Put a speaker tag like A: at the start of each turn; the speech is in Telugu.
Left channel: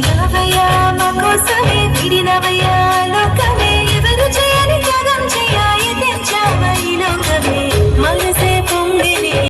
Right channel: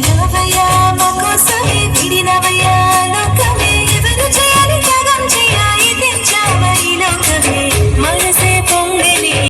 A: చిన్నదయ్యా మా కోసమే విడి